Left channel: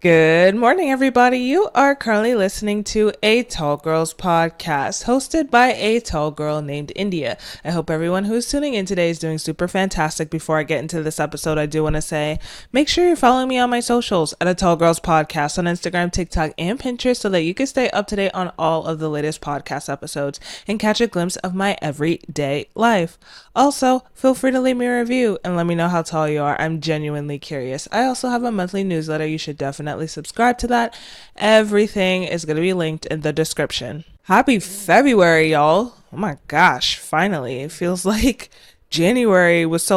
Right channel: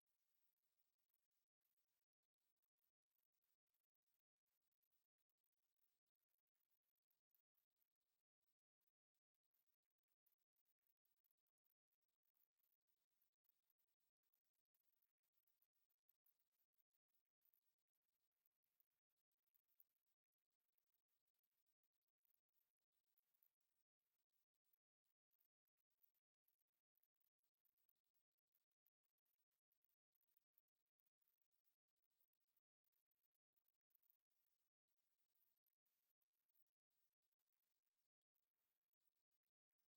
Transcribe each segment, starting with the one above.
Good morning, everybody. You are currently listening to a Tall Girls podcast hosted by a tall girl named India. I hope everyone who's tuning in today is doing super fantastic. Before I get into this episode, I do want to say make sure you're following me on my socials at a Tall Girls podcast on Instagram, TikTok, and Pinterest so that you can stay up to date on all of the latest podcast episodes and catch a glimpse of my everyday life. Also, feel free to leave me a review and let me know how tall you are. I'm genuinely curious. I also have a monthly newsletter. You should definitely subscribe to that. Everything is going to be linked in the description. Happy February, y'all. Oh my gosh, finally. It feels like January was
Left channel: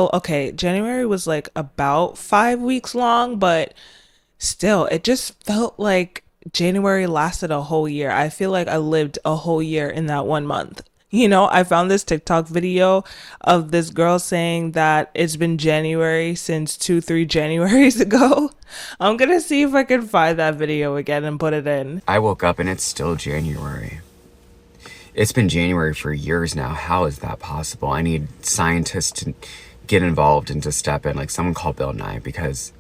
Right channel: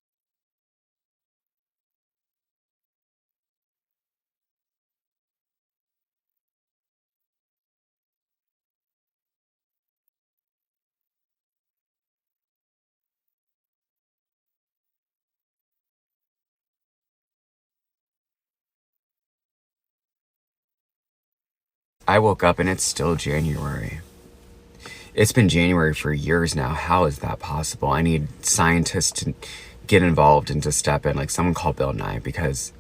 January was like about 5 weeks long, but still, it just felt like January lasted a whole year. I feel like I lived a whole year in that 1 month. I found this TikTok video of this girl saying that it's been January since 3 Januaries ago. I'm gonna see if I can find that video again and put it in. I woke up and it's still January. It's been January for years now. How is that possible? I need scientists to get involved and to step in, like someone call Bill Nye, because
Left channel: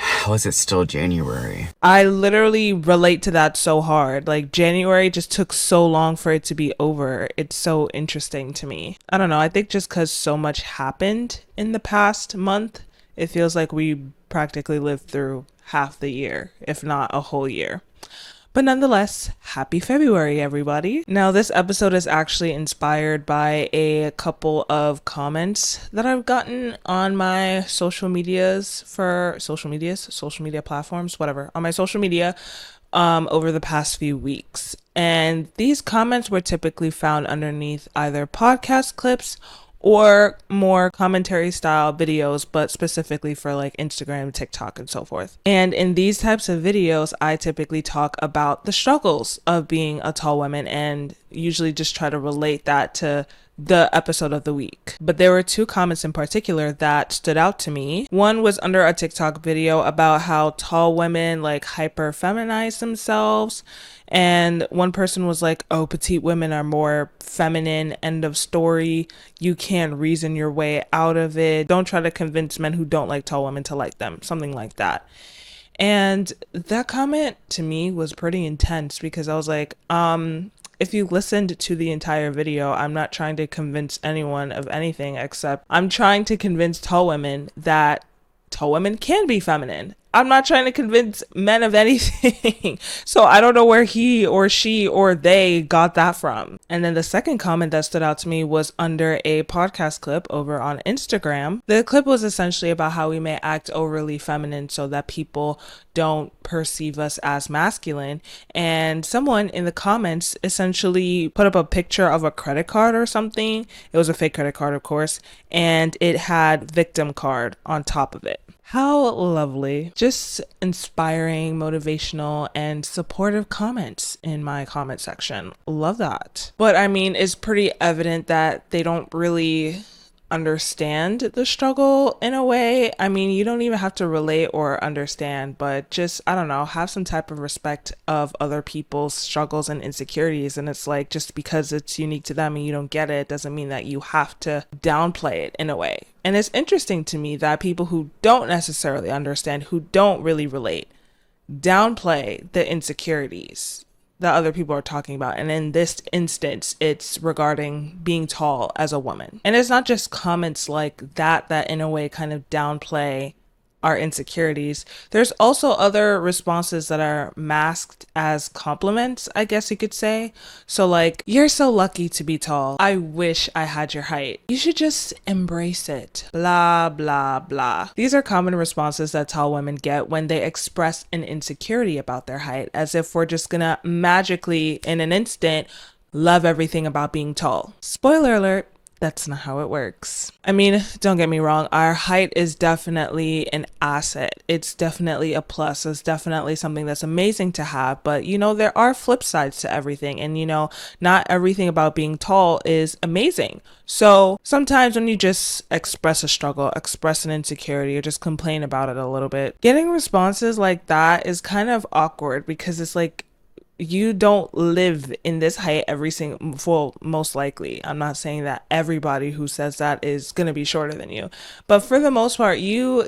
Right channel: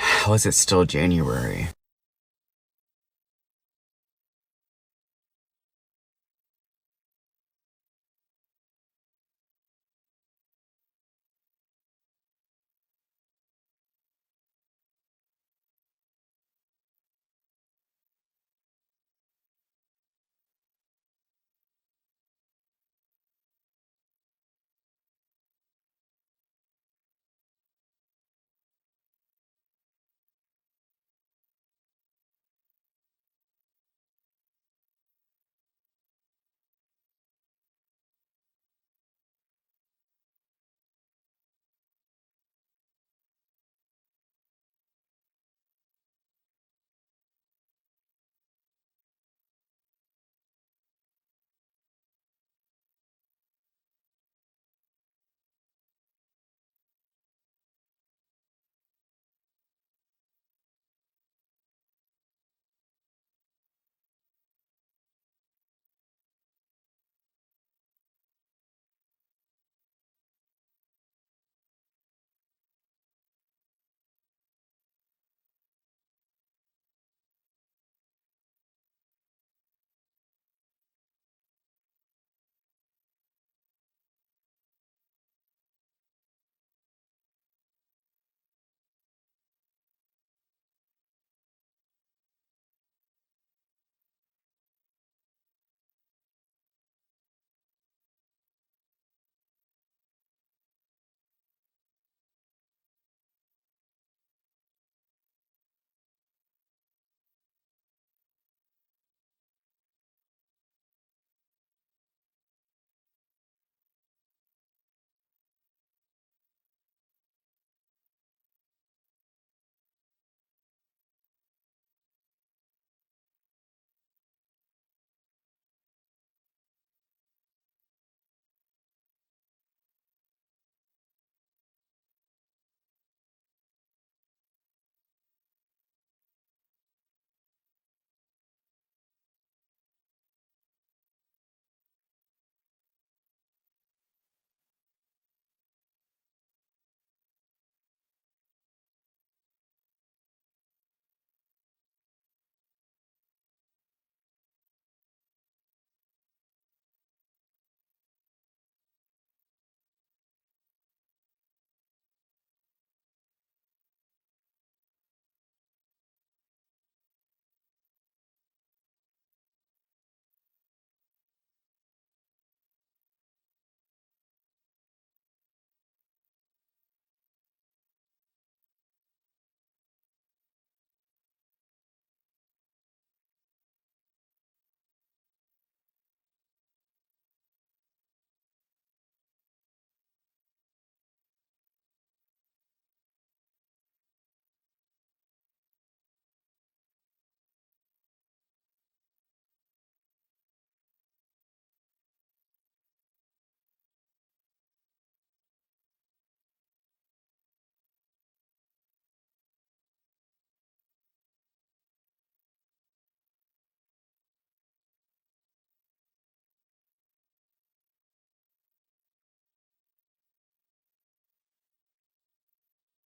how is it still January? I literally relate to that so hard. Like, January just took so long for it to be over. It's so interesting to me. I don't know. I think just because so much happened in the past month, it feels like we practically lived through half the year, if not a whole year. But nonetheless, happy February, everybody. Now, this episode is actually inspired by a couple of comments that I've gotten on my social media platforms, whatever, on my social media over the past few weeks. And these comments were typically found underneath either podcast clips or more commentary style videos, but specifically for like Instagram, TikTok, and so forth. And in these types of videos, I typically talk about the struggles of being a tall woman and usually just try to relate that to the episode of the week. But there were two comments in particular that stood out to me. One was under a TikTok video about how tall women like hyper-feminize themselves. And one person was like, oh, petite women are more feminine, end of story. You can't reason your way out of it. Don't try to convince men who don't like tall women to like them. Something like that. And that comment to me was pretty intense because I was like, if you listened to the entire video, I'm not trying to convince anyone of anything except I'm trying to convince tall women that tall women can be feminine. I'm not trying to convince men of anything. So I don't know where he or she or they got that from. And then the second comment that stood out to me was under a podcast clip over on Instagram. The clip was essentially about how we may act overly feminine so that people don't perceive us as masculine. And someone in the comments essentially put up a picture of a credit card or something. It was a fake credit card, of course, and it had victim card on top of it. How lovely. Just inspiring, motivational, and supportive comments in my comment section. Love that. But I mean, it's pretty evident that they don't really understand the struggle in a way. I mean, you don't even have to relate or understand, but just, I don't know, have some type of respect of other people's struggles and insecurities. And it's like, just because it's unique to them and you don't get it doesn't mean that you have to downplay it in a way. And it's interesting to me that people who don't necessarily understand, who don't really relate, downplay the insecurities that other people are talking about. And in this instance, it's regarding being tall as a woman. And it's not just comments like that in a way kind of downplay our insecurities. There's also other responses that are masked as compliments, I guess you could say. So like, you're so lucky to be tall. I wish I had your height. You should just embrace it. Blah, blah, blah. These are common responses that tall women get when they express an insecurity about their height, as if we're just gonna magically, in an instant, love everything about being tall. Spoiler alert. That's not how it works. I mean, don't get me wrong, our height is definitely an asset. It's definitely a plus. It's definitely something that's amazing to have. But, there are flip sides to everything. And, not everything about being tall is amazing. So sometimes when you just express a struggle, express an insecurity, or just complain about it a little bit, getting responses like that is kind of awkward because it's like, you don't live in this height every single, well, most likely. I'm not saying that everybody who says that is going to be shorter than you, but for the most part, you're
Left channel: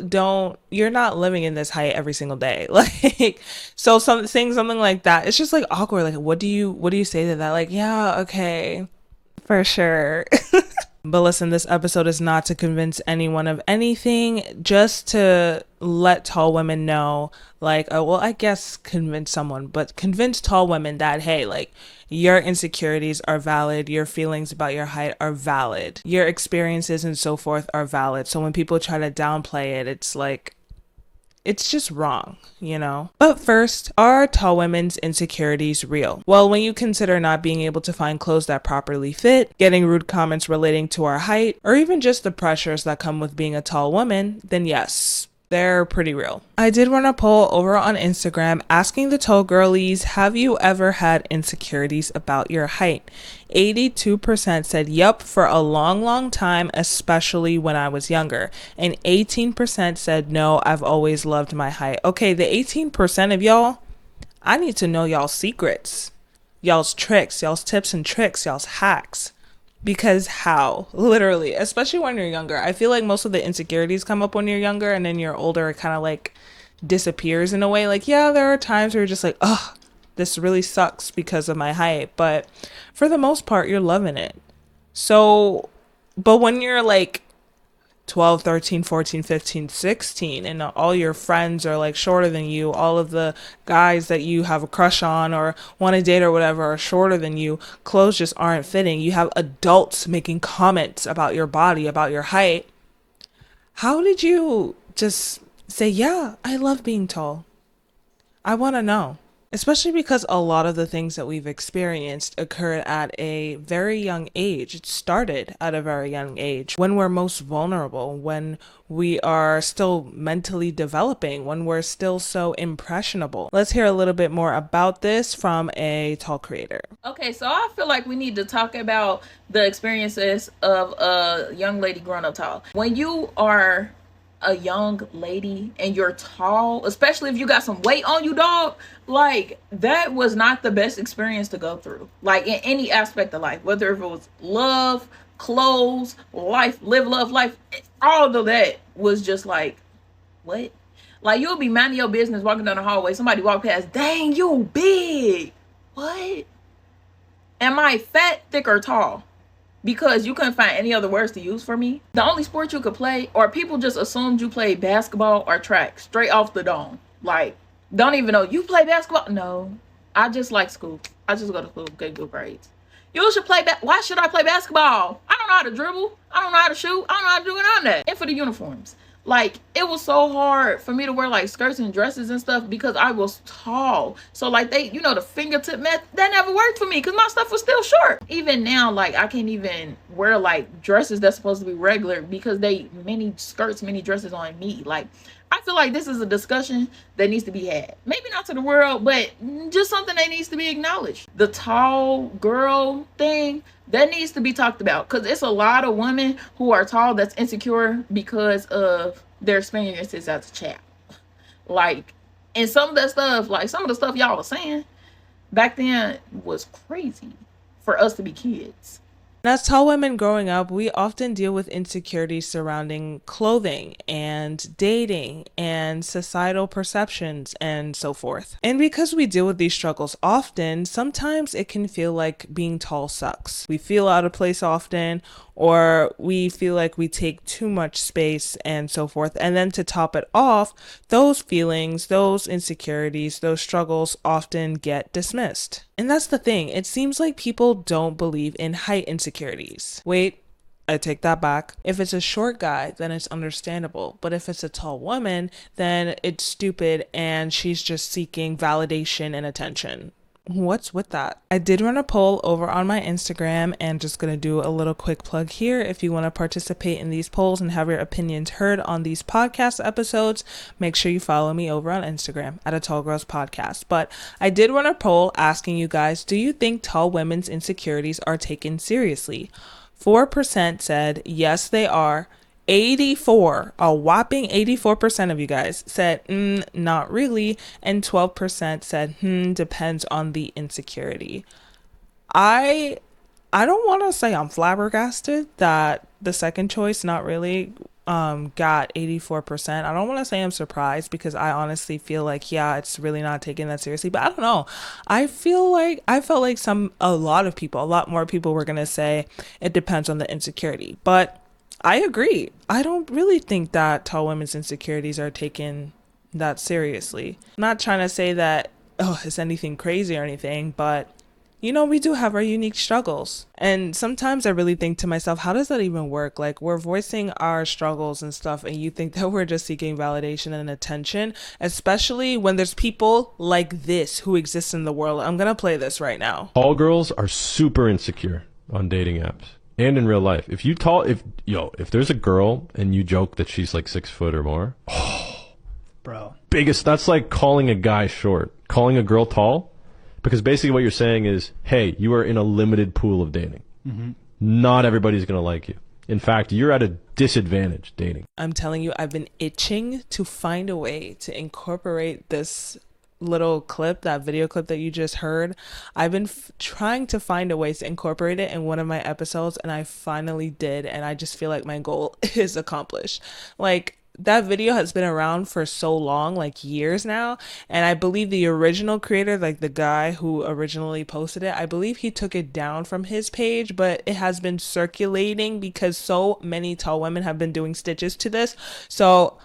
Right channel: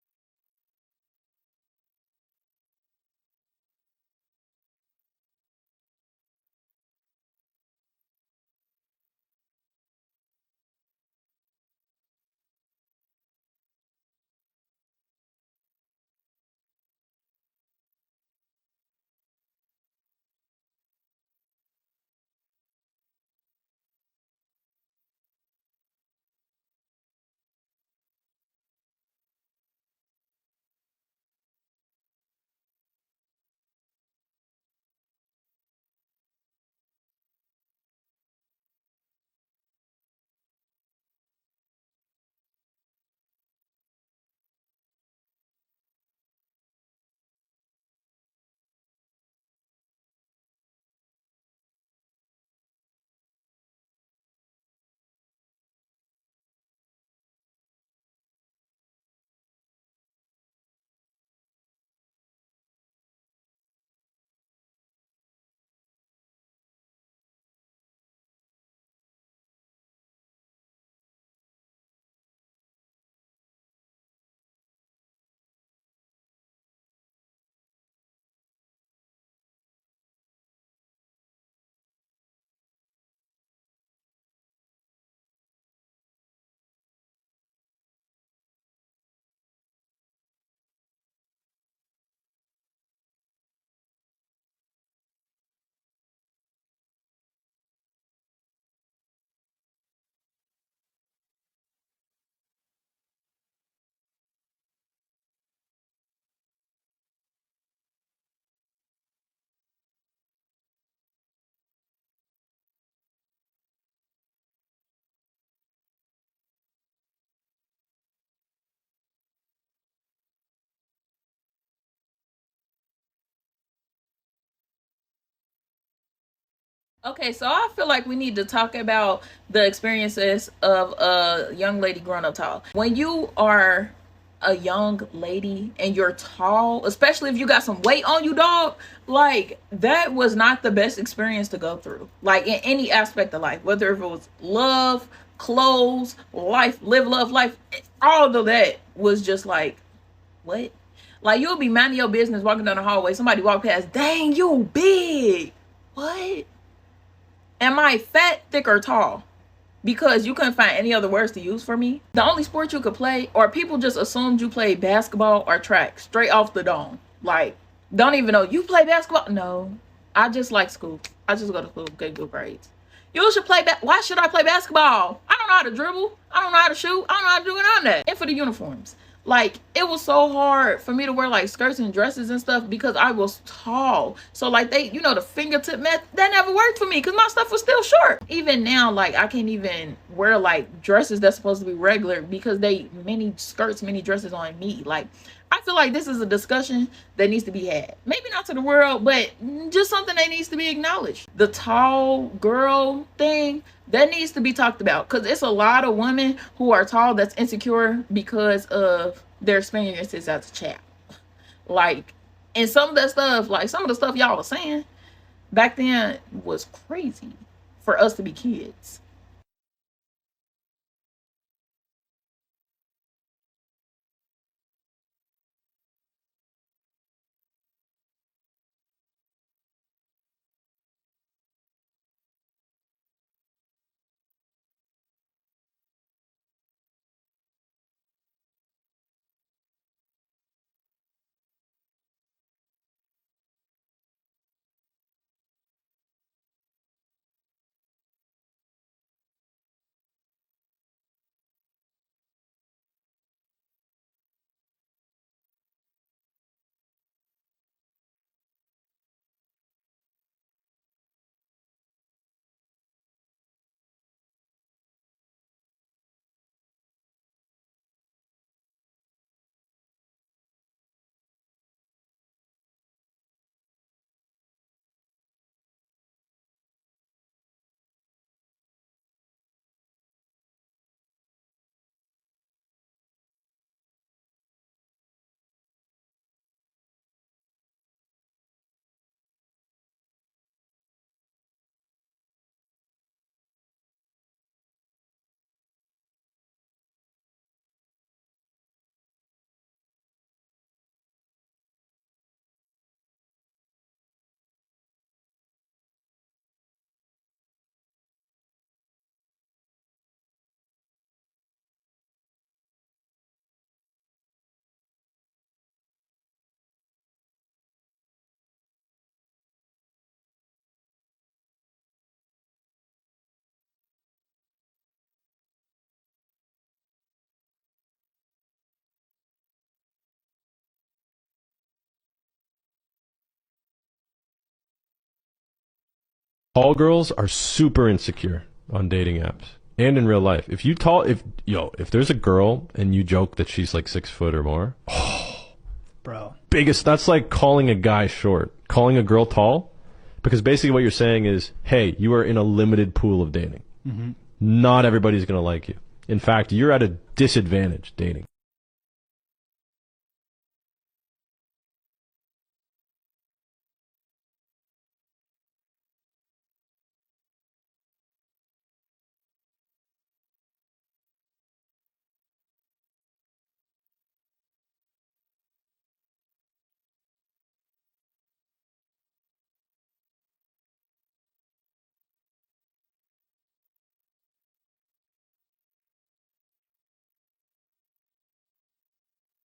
not living in this height every single day. Like, so saying something like that, it's just like awkward. Like, what do you say to that? Like, yeah, okay, for sure. But listen, this episode is not to convince anyone of anything, just to let tall women know, like, oh, well, I guess convince someone, but convince tall women that, hey, like, your insecurities are valid, your feelings about your height are valid, your experiences and so forth are valid. So when people try to downplay it, it's like, it's just wrong, you know? But first, are tall women's insecurities real? Well, when you consider not being able to find clothes that properly fit, getting rude comments relating to our height, or even just the pressures that come with being a tall woman, then yes, they're pretty real. I did run a poll over on Instagram asking the tall girlies, have you ever had insecurities about your height? 82% said yup for a long, long time, especially when I was younger. And 18% said no, I've always loved my height. Okay, the 18% of y'all, I need to know y'all's secrets, y'all's tricks, y'all's tips and tricks, y'all's hacks. Because how? Literally, especially when you're younger. I feel like most of the insecurities come up when you're younger, and then you're older, it kind of like disappears in a way. Like, yeah, there are times where you're just like, oh, this really sucks because of my height. But for the most part, you're loving it. So, but when you're like 12, 13, 14, 15, 16, and all your friends are like shorter than you, all of the guys that you have a crush on or want to date or whatever are shorter than you, clothes just aren't fitting. You have adults making comments about your body, about your height. How did you just say, yeah, I love being tall? I want to know. Especially because a lot of the things that we've experienced occurred at a very young age. It started at a very young age when we're most vulnerable, when we are still mentally developing, when we're still so impressionable. Let's hear a little bit more about this from a tall creator. Okay, so I feel like we need to talk about the experiences of a young lady growing up tall. When you are a young lady and you're tall, especially if you got some weight on you, dog, like that was not the best experience to go through. Like in any aspect of life, whether if it was love, clothes, life, live, love, life, all of that was just like, what? Like you'll be minding your business walking down the hallway, somebody walk past, dang, you big. What? Am I fat, thick, or tall? Because you couldn't find any other words to use for me. The only sport you could play, or people just assumed you played basketball or track straight off the dome. Like, don't even know you play basketball. No, I just like school. I just go to school, get good grades. You should play why should I play basketball? I don't know how to dribble. I don't know how to shoot. I don't know how to do none of that. And for the uniforms. Like, it was so hard for me to wear like skirts and dresses and stuff because I was tall. So like they, the fingertip method, that never worked for me because my stuff was still short. Even now, like I can't even wear like dresses that's supposed to be regular because they mini skirts, mini dresses on me. Like, I feel like this is a discussion that needs to be had. Maybe not to the world, but just something that needs to be acknowledged. The tall girl thing, that needs to be talked about because it's a lot of women who are tall that's insecure because of their experiences as a child. Like, and some of that stuff, like some of the stuff y'all was saying back then was crazy for us to be kids. As tall women growing up, we often deal with insecurities surrounding clothing and dating and societal perceptions and so forth. And because we deal with these struggles often, sometimes it can feel like being tall sucks. We feel out of place often, or we feel like we take too much space and so forth. And then to top it off, those feelings, those insecurities, those struggles often get dismissed. And that's the thing. It seems like people don't believe in height insecurities. Wait, I take that back. If it's a short guy, then it's understandable. But if it's a tall woman, then it's stupid and she's just seeking validation and attention. What's with that? I did run a poll over on my Instagram and just gonna do a little quick plug here. If you want to participate in these polls and have your opinions heard on these podcast episodes, make sure you follow me over on Instagram at A Tall Girls Podcast. But I did run a poll asking you guys, do you think tall women's insecurities are taken seriously? 4% said yes, they are. a whopping 84% of you guys said, not really. And 12% said, depends on the insecurity. I don't want to say I'm flabbergasted that the second choice, not really, got 84%. I don't want to say I'm surprised because I honestly feel like, yeah, it's really not taking that seriously. But I don't know. I felt like a lot more people were going to say it depends on the insecurity. But I agree. I don't really think that tall women's insecurities are taken that seriously. I'm not trying to say that, oh, it's anything crazy or anything, but we do have our unique struggles. And sometimes I really think to myself, how does that even work? Like, we're voicing our struggles and stuff, and you think that we're just seeking validation and attention, especially when there's people like this who exist in the world. I'm going to play this right now. Tall girls are super insecure on dating apps and in real life. If there's a girl and you joke that she's like 6 foot or more, Bro. that's like calling a guy short, calling a girl tall. Because basically what you're saying is, hey, you are in a limited pool of dating. Mm-hmm. Not everybody's going to like you. In fact, you're at a disadvantage dating. I'm telling you, I've been itching to find a way to incorporate this little clip, that video clip that you just heard. I've been trying to find a way to incorporate it in one of my episodes, and I finally did. And I just feel like my goal is accomplished. Like, that video has been around for so long, like years now. And I believe the original creator, like the guy who originally posted it, I believe he took it down from his page, but it has been circulating because so many tall women have been doing stitches to this. So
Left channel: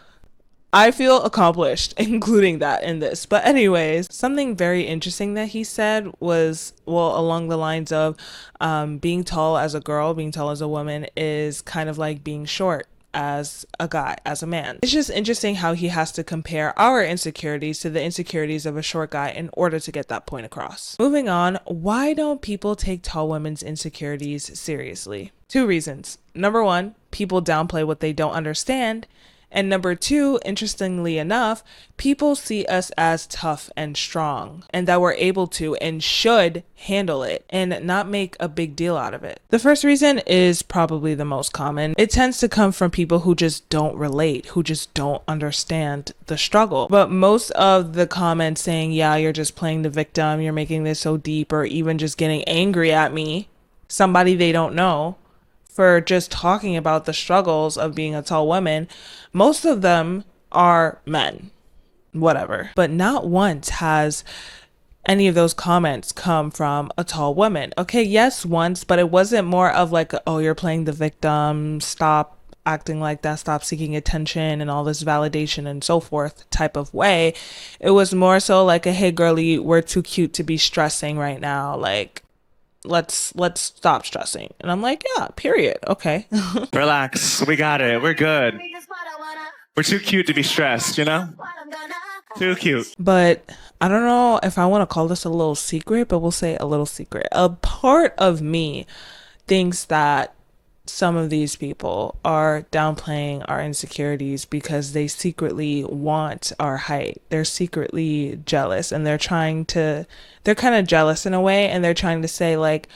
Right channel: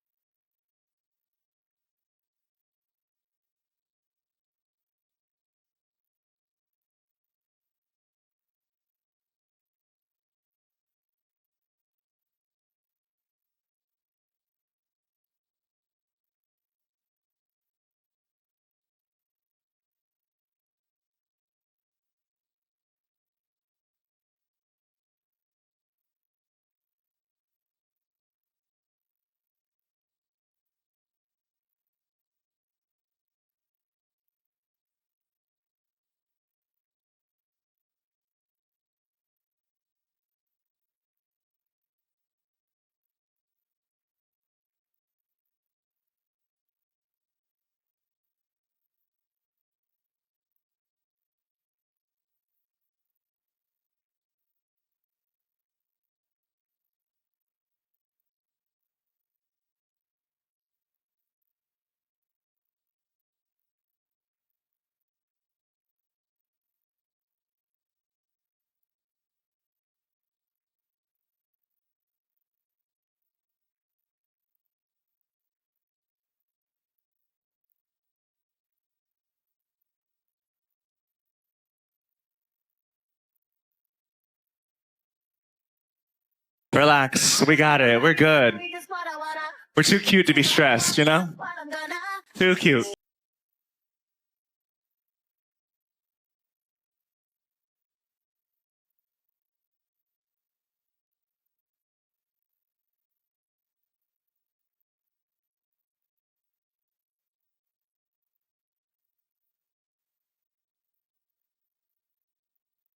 I feel accomplished, including that in this. But anyways, something very interesting that he said was, well, along the lines of being tall as a girl, being tall as a woman is kind of like being short as a guy, as a man. It's just interesting how he has to compare our insecurities to the insecurities of a short guy in order to get that point across. Moving on, why don't people take tall women's insecurities seriously? 2 reasons. Number 1, people downplay what they don't understand. And number 2, interestingly enough, people see us as tough and strong and that we're able to and should handle it and not make a big deal out of it. The first reason is probably the most common. It tends to come from people who just don't relate, who just don't understand the struggle. But most of the comments saying, yeah, you're just playing the victim, you're making this so deep, or even just getting angry at me, somebody they don't know, for just talking about the struggles of being a tall woman, most of them are men, whatever. But not once has any of those comments come from a tall woman. Okay, yes, once, but it wasn't more of like, oh, you're playing the victim, stop acting like that, stop seeking attention and all this validation and so forth type of way. It was more so like a, hey girlie, we're too cute to be stressing right now. Like, let's stop stressing. And I'm like, yeah, period. Okay. Relax. We got it. We're good. We're too cute to be stressed, Too cute. But I don't know if I want to call this a little secret, but we'll say a little secret. A part of me thinks that some of these people are downplaying our insecurities because they secretly want our height. They're secretly jealous and they're kind of jealous in a way, and they're trying to say like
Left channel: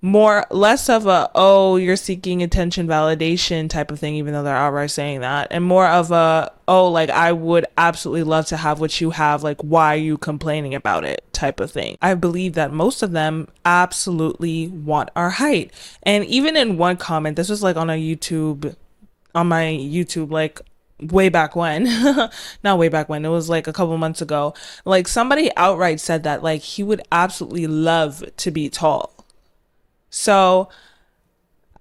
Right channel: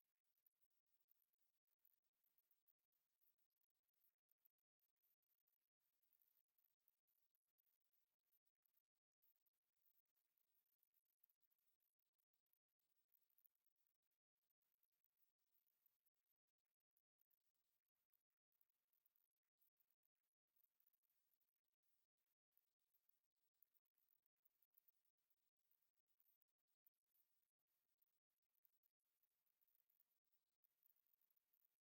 less of a, oh, you're seeking attention, validation type of thing, even though they're outright saying that, and more of a, oh, like I would absolutely love to have what you have, like why are you complaining about it type of thing. I believe that most of them absolutely want our height. And even in one comment, this was like on my YouTube, like way back when, not way back when, it was like a couple months ago, like somebody outright said that like he would absolutely love to be tall. So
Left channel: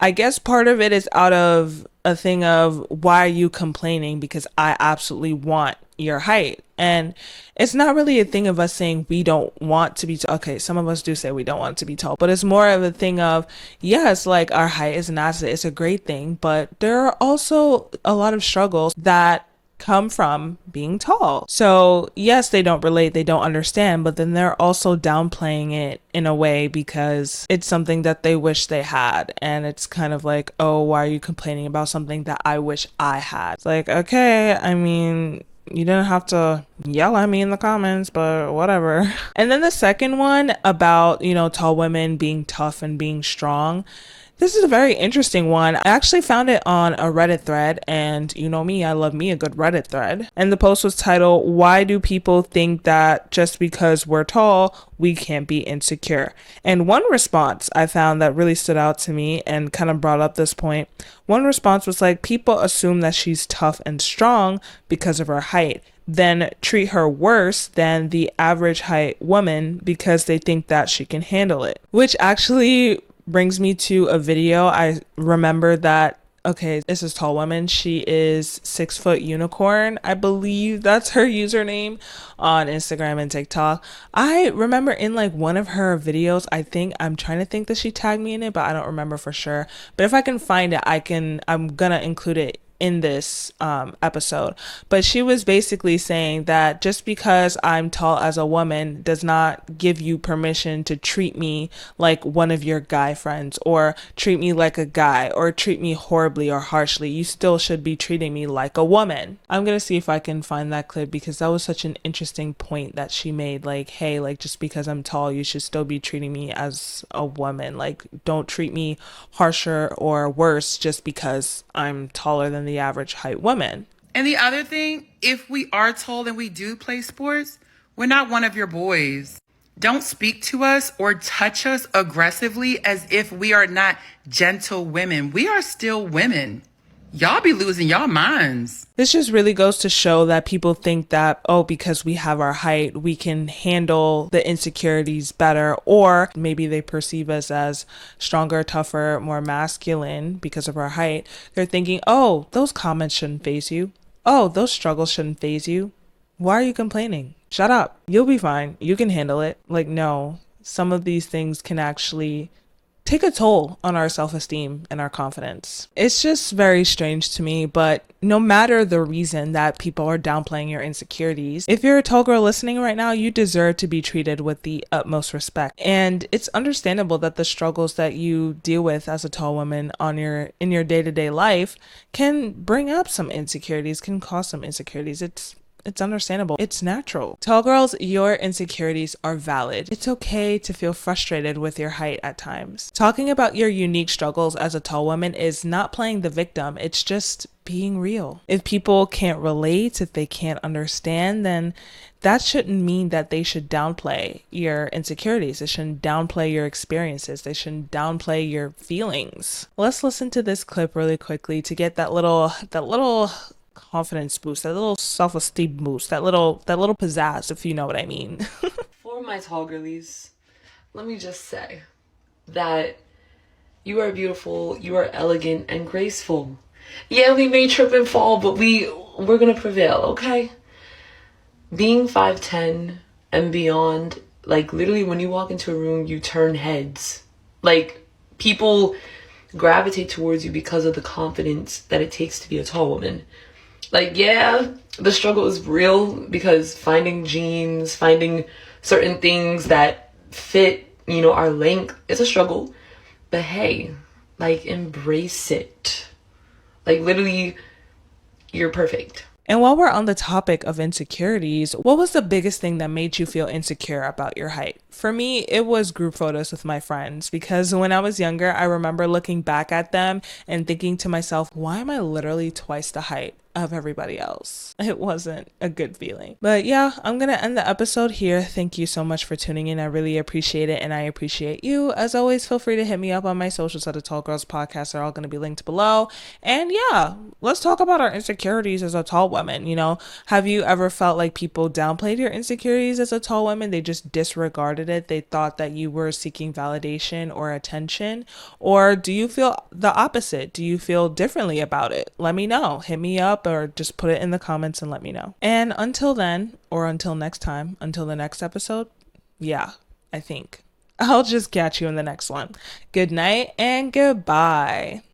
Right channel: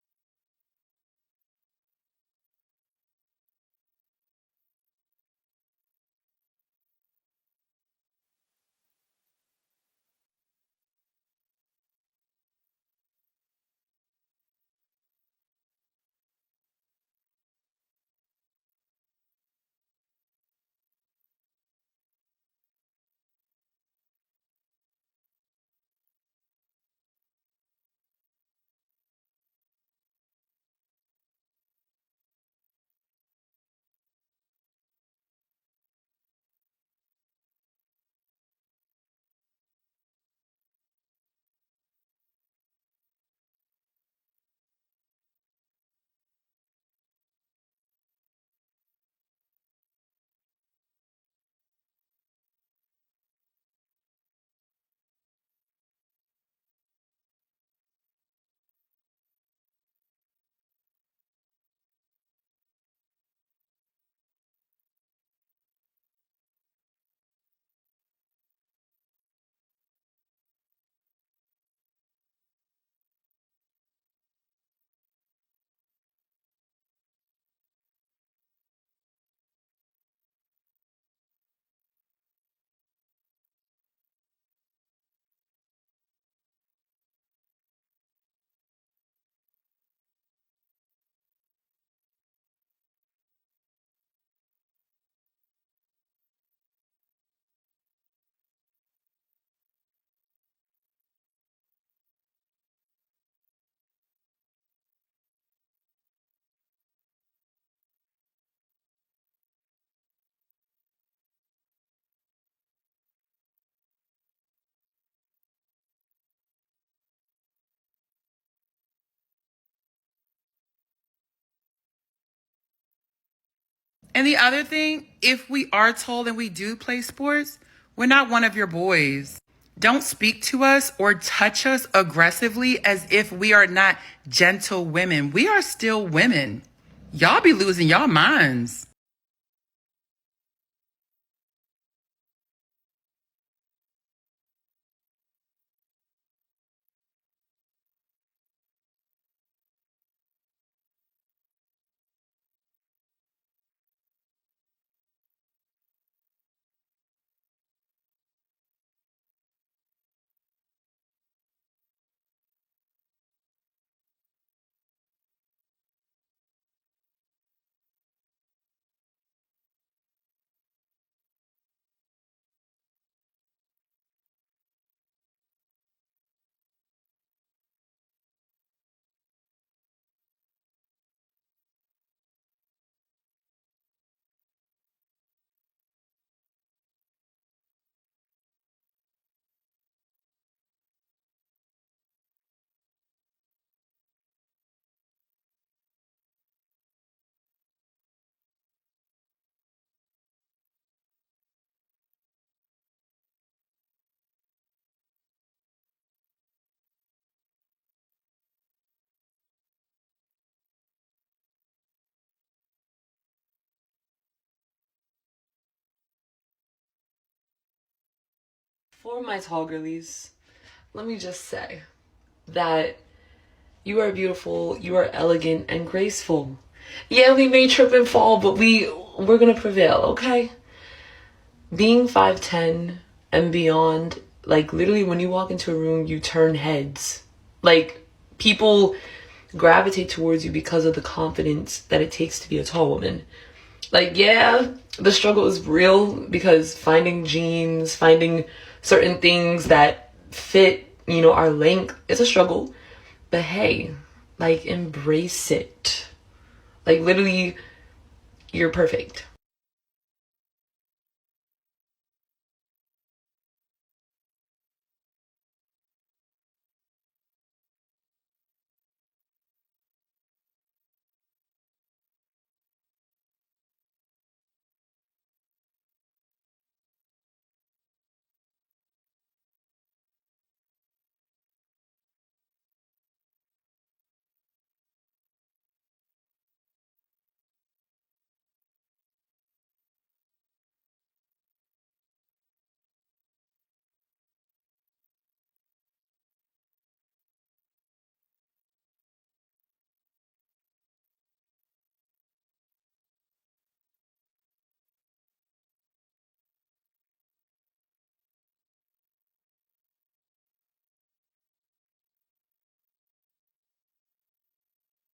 I guess part of it is out of a thing of, why are you complaining? Because I absolutely want your height. And it's not really a thing of us saying we don't want to be okay, some of us do say we don't want to be tall, but it's more of a thing of, yes, like our height is an asset, it's a great thing, but there are also a lot of struggles that come from being tall. So yes, they don't relate, they don't understand, but then they're also downplaying it in a way because it's something that they wish they had. And it's kind of like, oh, why are you complaining about something that I wish I had? It's like, okay, I mean, you didn't have to yell at me in the comments, but whatever. And then the second one about, tall women being tough and being strong. This is a very interesting one. I actually found it on a Reddit thread, and you know me, I love me a good Reddit thread. And the post was titled, "Why do people think that just because we're tall, we can't be insecure?" And one response I found that really stood out to me and kind of brought up this point. One response was like, people assume that she's tough and strong because of her height, then treat her worse than the average height woman because they think that she can handle it. Which actually brings me to a video. I remember that, okay, this is tall woman. She is 6 foot unicorn. I believe that's her username on Instagram and TikTok. I remember in like one of her videos, I'm trying to think that she tagged me in it, but I don't remember for sure. But if I can find it, I'm gonna include it in this episode. But she was basically saying that just because I'm tall as a woman does not give you permission to treat me like one of your guy friends, or treat me like a guy, or treat me horribly or harshly. You still should be treating me like a woman. I'm gonna see if I can find that clip, because that was such an interesting point that she made. Like, hey, like, just because I'm tall, you should still be treating me as a woman. Like, don't treat me harsher or worse just because I'm taller than the average height woman. And the other thing, if we are tall and we do play sports, we're not one of your boys. Don't speak to us or touch us aggressively as if we are not gentle women. We are still women. Y'all be losing y'all minds. This just really goes to show that people think that, oh, because we have our height, we can handle the insecurities better, or maybe they perceive us as stronger, tougher, more masculine because of our height. They're thinking, oh, those comments shouldn't faze you. Oh, those struggles shouldn't faze you. Why are you complaining? Shut up. You'll be fine. You can handle it. Like, no, some of these things can actually take a toll on our self-esteem and our confidence. It's just very strange to me, but no matter the reason that people are downplaying your insecurities, if you're a tall girl listening right now, you deserve to be treated with the utmost respect. And it's understandable that the struggles that you deal with as a tall woman in your day-to-day life can bring up some insecurities, can cause some insecurities. It's understandable. It's natural. Tall girls, your insecurities are valid. It's okay to feel frustrated with your height at times. Talking about your unique struggles as a tall woman is not playing the victim. It's just being real. If people can't relate, if they can't understand, then that shouldn't mean that they should downplay your insecurities. They shouldn't downplay your experiences. They shouldn't downplay your feelings. Let's listen to this clip really quickly to get that little confidence boost, that little self-esteem boost, that little pizzazz, if you know what I mean. For my tall girlies, let me just say that you are beautiful, you are elegant and graceful. Yeah, we may trip and fall, but we're gonna prevail, okay? Being 5'10" and beyond, like, literally when you walk into a room, you turn heads. Like, people gravitate towards you because of the confidence that it takes to be a tall woman. Like, yeah, the struggle is real, because finding jeans, finding certain things that fit, our length is a struggle. But hey, like, embrace it. Like, literally, you're perfect. And while we're on the topic of insecurities, what was the biggest thing that made you feel insecure about your height? For me, it was group photos with my friends, because when I was younger, I remember looking back at them and thinking to myself, why am I literally twice the height of everybody else? It wasn't a good feeling. But yeah, I'm gonna end the episode here. Thank you so much for tuning in. I really appreciate it, and I appreciate you. As always, feel free to hit me up on my socials at the Tall Girls Podcast. They're all gonna be linked below. And yeah, let's talk about our insecurities as a tall woman. Have you ever felt like people downplayed your insecurities as a tall woman? They just disregarded it. They thought that you were seeking validation or attention. Or do you feel the opposite? Do you feel differently about it? Let me know. Hit me up, or just put it in the comments and let me know. And until then, or until next time, until the next episode, yeah, I think I'll just catch you in the next one. Good night and goodbye.